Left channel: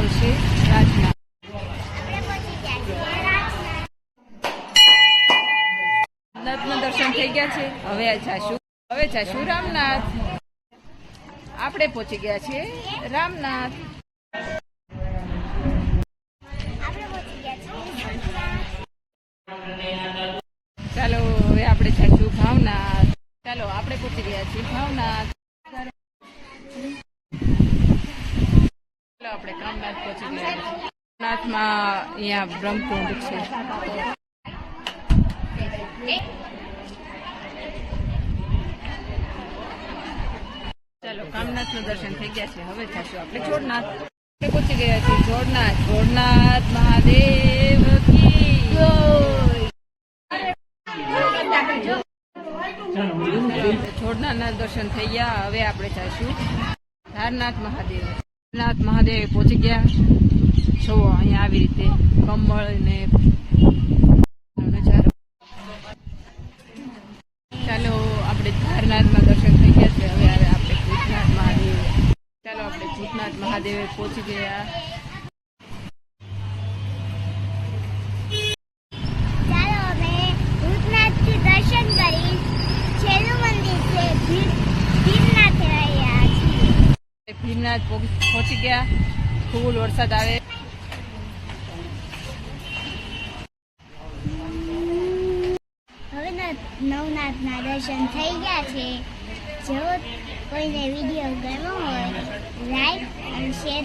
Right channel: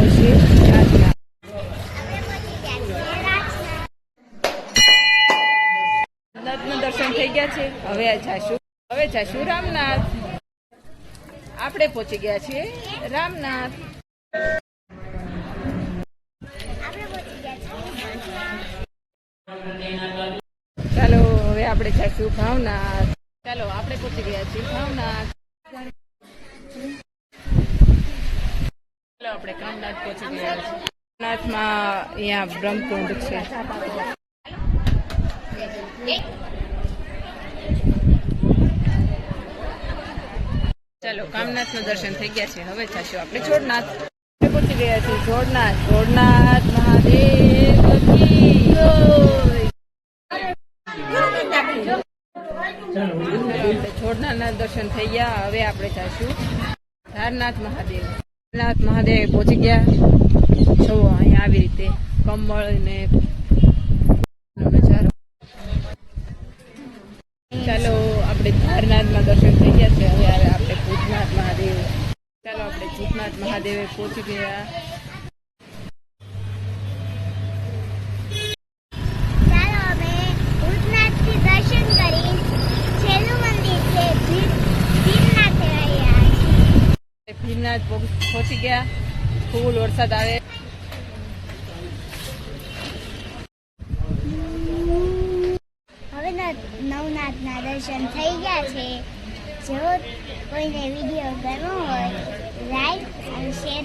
આવશે રાજના. નાથના દર્શન થઈ ગયા છે. હવે જાશું રામનાથ. આપણે પહોંચી ગયા છીએ રામનાથ. ચાલો હવે આપણે જઈશું ભાવનાથ. ચાલો આપણે પહોંચી ગયા છીએ ભાવનાથ. ચાલો આપણે કામનાથ પહોંચી ગયા છીએ. કામનાથમાં અહીંયા બ્રહ્મકુંડ છે. ચાલો કામનાથનું દર્શન થઈ ગયા છે. હવે જઈશું આપણે જોડનાથ. પહોંચી ગયા છીએ જોડનાથ. જોડનાથ મહાદેવ કી જોડનાથના દર્શન થઈ ગયા. હવે આપણે જઈશું ધારનાથ મહાદેવ. ધારનાથ મહાદેવ પહોંચી ગયા. જો અહીંયા આવી રીતે કમળ ને ચાલો આપણે ધારનાથમાં દર્શન થઈ ગયા છે. હવે આપણે ભૂતનાથ મહાદેવ. ચાલો આપણે ભૂતનાથ મહાદેવે પહોંચી ગયા. ચાલો અમે ભૂતનાથથી દર્શન કરી. છેલ્લું મંદિર છે ભીમનાથ. ભીમનાથ પહોંચી ગયા. ફૂલ વરસાદ આવે. હવે નવનાથના દર્શન થઈ ગયા છે. જો કોઈને વિડીયો ગમ્યો હોય લાઈક અને શેર